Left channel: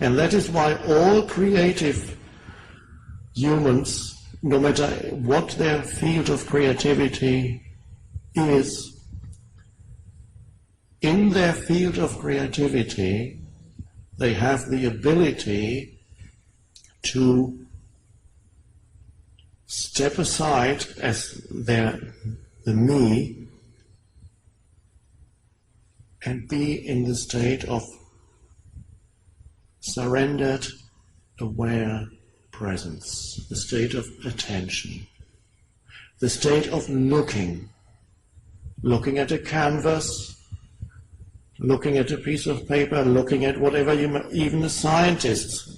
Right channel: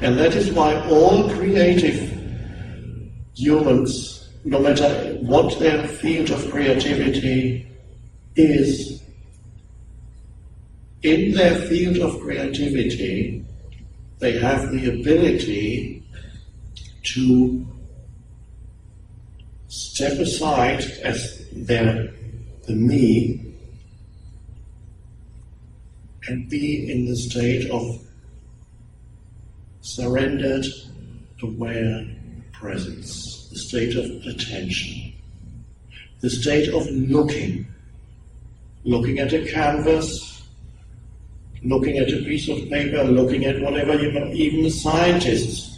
And that is why all creative humans, no matter what their field of creativity is, in their field of creativity, they have the ability to step aside as the me and be in the state of surrendered, aware presence, the state of attention, the state of looking at a canvas, looking at a piece of paper, looking at whatever, even a scientist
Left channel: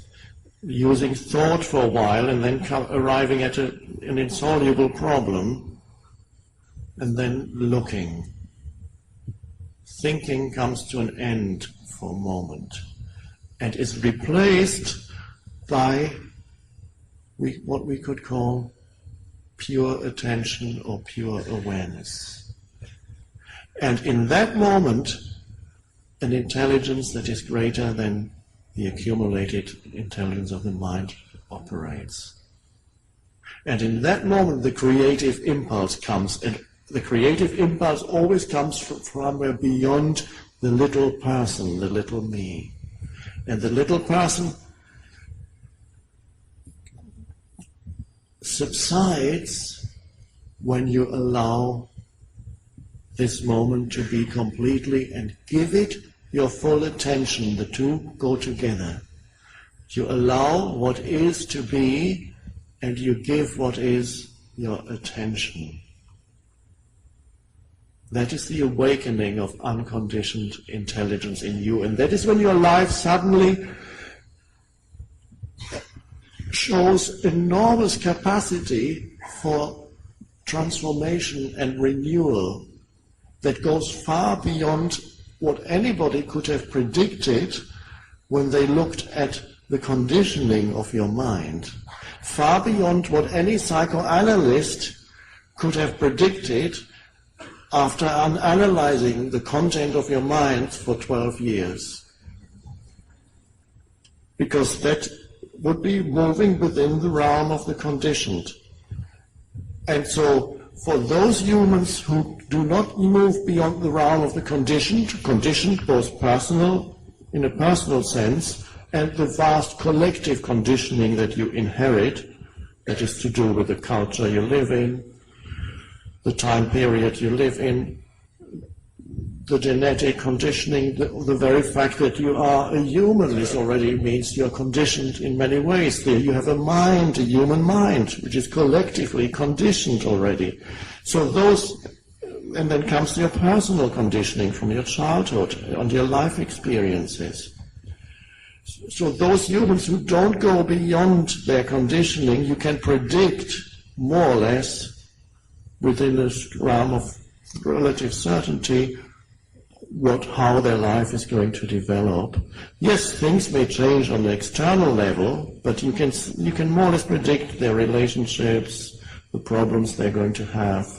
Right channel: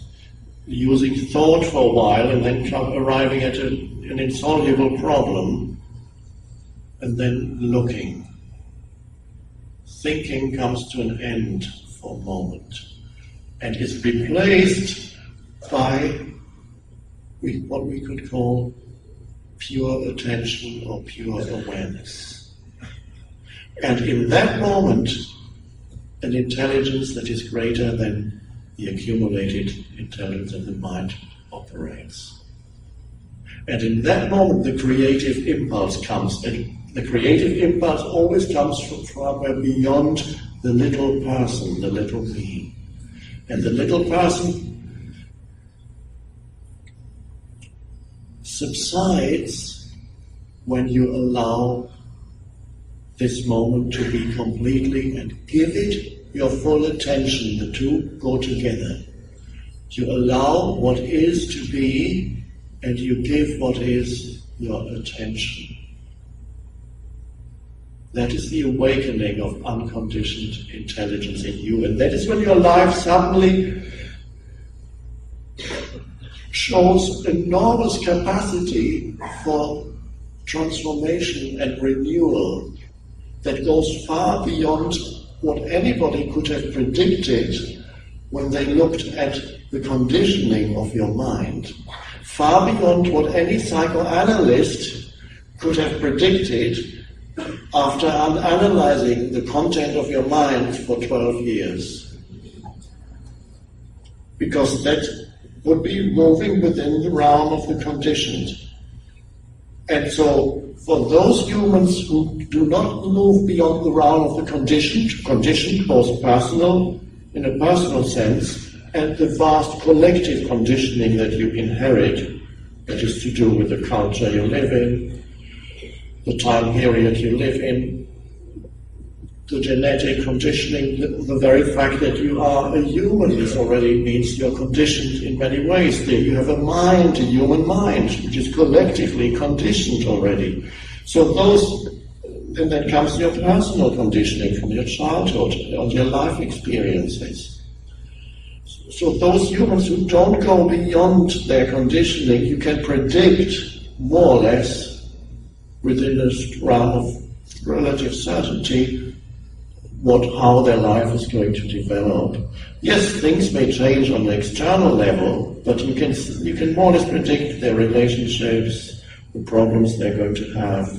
using thought for a while and then arriving at an insoluble problem, and then looking. Thinking comes to an end for a moment and is replaced by what we could call pure attention or pure awareness. And in that moment, an intelligence that is greater than the accumulated intelligence of the mind operates. And in that moment, the creative impulse comes, and the creative impulse always comes from somewhere beyond the little person, the little me. And the little person subsides when you allow this moment to be completely and give it your full attention. The two go together. You allow what is to be and you give what is your attention. That is the awakening of unconditioned intelligence in you, and that is when your life suddenly shows enormous capacity for transformation and renewal that goes far beyond what anybody could have predicted when they looked at the conditioning of your mind, far beyond what any psychoanalyst could have predicted after analyzing the content of your mind for 12 years. Because that would be moving within the realm of the conditioned. And so, for those humans who do not move beyond the realm of the conditioned both personal, in a personal sense, and the vast collective conditioning that you inherit, that is to do with the culture you live in, the time period you live in, the genetic conditioning, the very fact that you are a human is already means you're conditioned in many ways. There you have a mind, a human mind, which is collectively conditioned already. So those, and then comes your personal conditioning from your childhood and your life experiences. So those humans who don't go beyond their conditioning, you can predict more or less within this realm of relative certainty how their life is going to develop. Yes, things may change on the external level, but you can more or less predict their relationships, the problems they're going to have,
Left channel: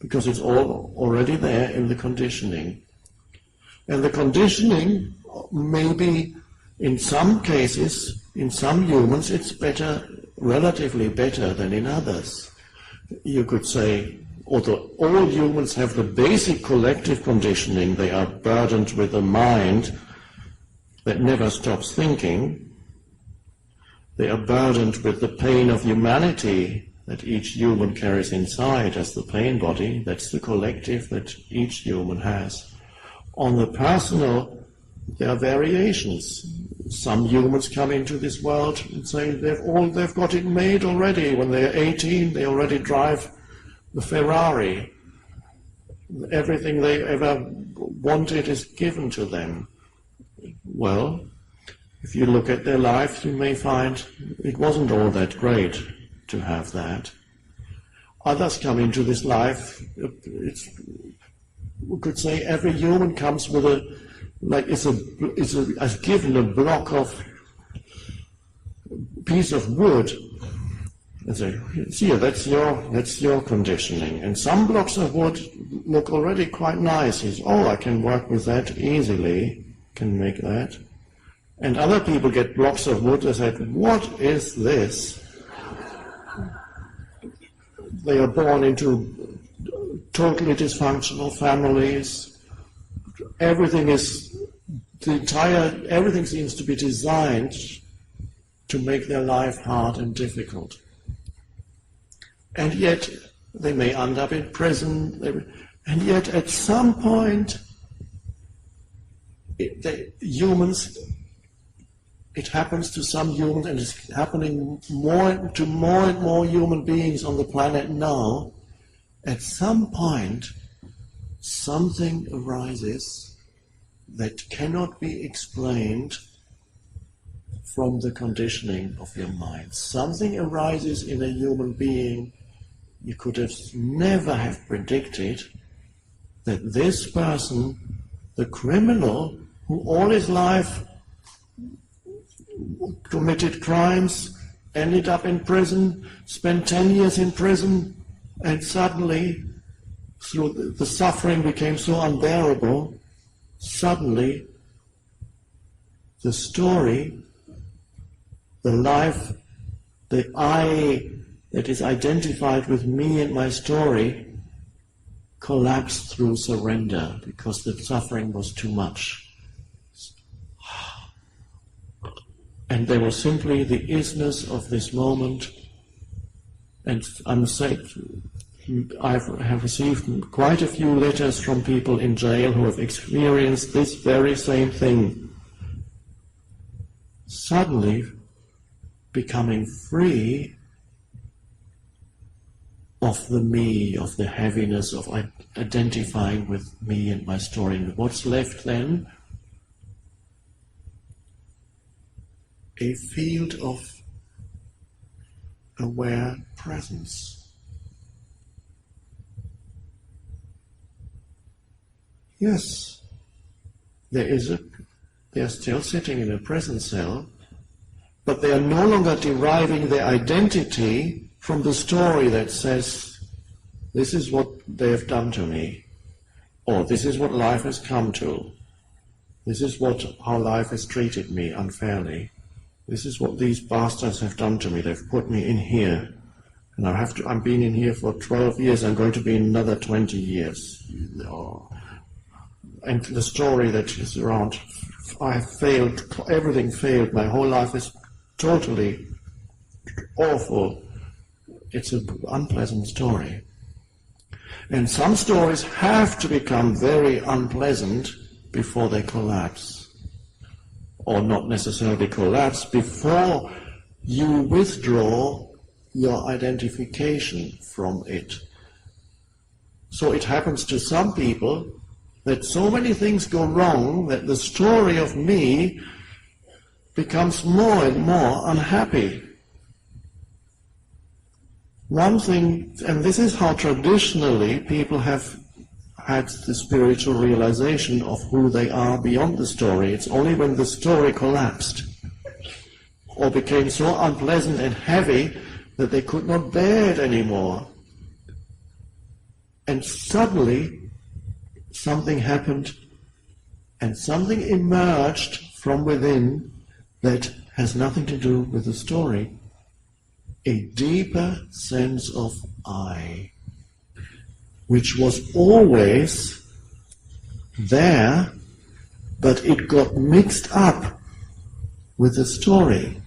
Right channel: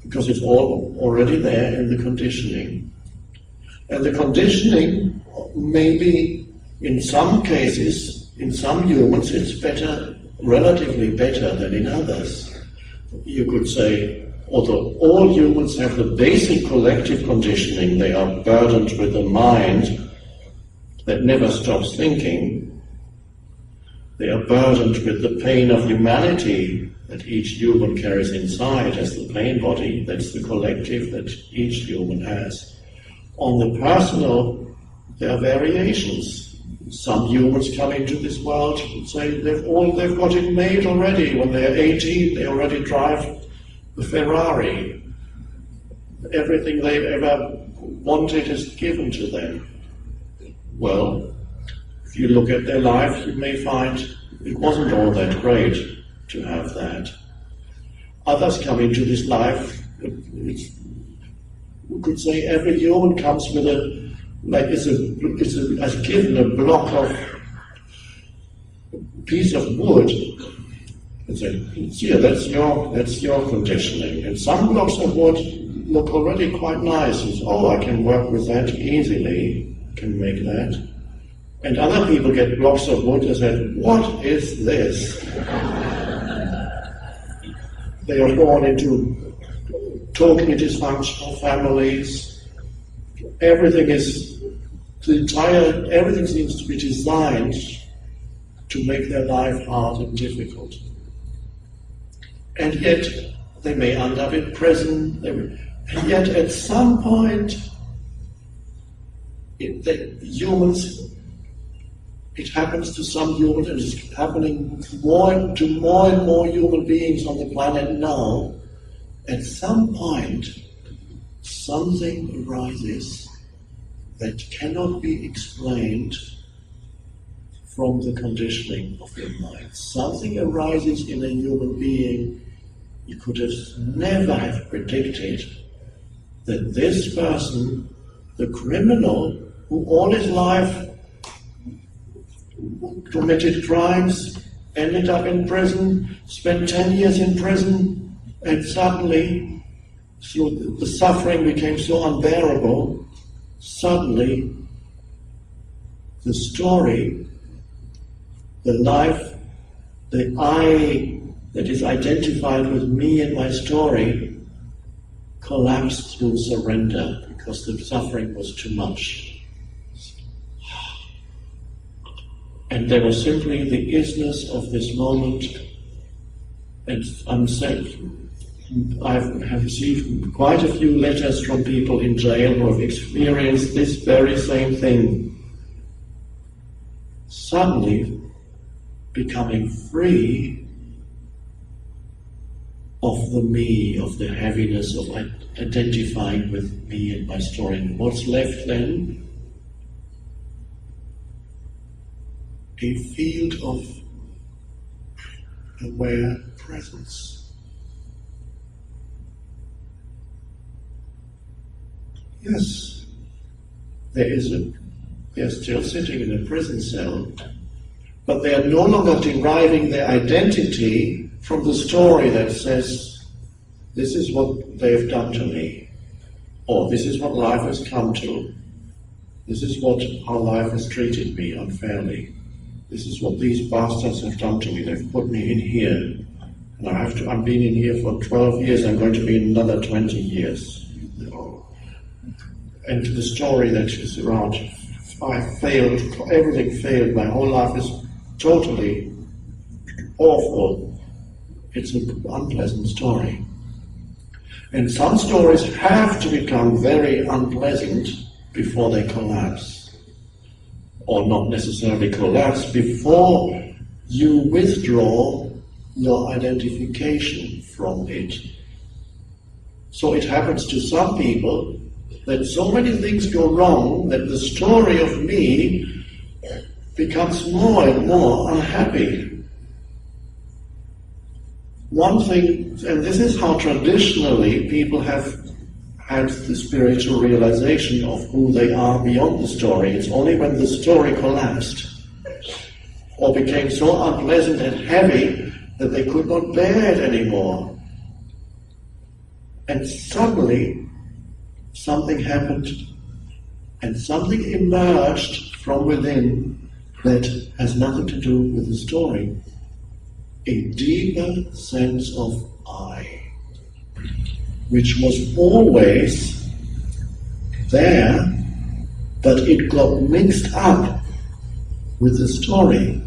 because it's all already there in the conditioning. And the conditioning may be, in some cases, in some humans, it's better, relatively better than in others. You could say, although all humans have the basic collective conditioning, they are burdened with a mind that never stops thinking. They are burdened with the pain of humanity that each human carries inside as the pain body. That's the collective that each human has. On the personal, there are variations. Some humans come into this world and say they've got it made already. When they're 18, they already drive the Ferrari. Everything they've ever wanted is given to them. Well, if you look at their life, you may find it wasn't all that great to have that. Others come into this life, we could say every human comes with as given a block of piece of wood and say, here, that's your conditioning. And some blocks of wood look already quite nice. I can work with that easily, can make that. And other people get blocks of wood and said, what is this? They are born into totally dysfunctional families. Everything seems to be designed to make their life hard and difficult. And yet they may end up in prison, and yet at some point it happens to some humans, and it's happening to more and more human beings on the planet now. At some point, something arises that cannot be explained from the conditioning of your mind. Something arises in a human being you could have never have predicted, that this person, the criminal who all his life committed crimes, ended up in prison, spent 10 years in prison, and suddenly, through the suffering became so unbearable, suddenly the story, the life, the I that is identified with me and my story collapsed through surrender because the suffering was too much. And there was simply the isness of this moment. And I have received quite a few letters from people in jail who have experienced this very same thing. Suddenly becoming free of the me, of the heaviness of identifying with me and my story. And what's left then? A field of aware presence. Yes, they're still sitting in a prison cell, but they are no longer deriving their identity from the story that says, this is what they've done to me, or this is what life has come to, this is how life has treated me unfairly, this is what these bastards have done to me, they've put me in here, and I've been in here for 12 years, I'm going to be in another 20 years. And the story that is around, I have failed, everything failed, my whole life is totally awful. It's an unpleasant story. And some stories have to become very unpleasant before they collapse. Or not necessarily collapse, before you withdraw your identification from it. So it happens to some people that so many things go wrong that the story of me becomes more and more unhappy. One thing, and this is how traditionally people have had the spiritual realization of who they are beyond the story. It's only when the story collapsed or became so unpleasant and heavy that they could not bear it anymore. And suddenly something happened and something emerged from within that has nothing to do with the story. A deeper sense of I, which was always there, but it got mixed up with the story.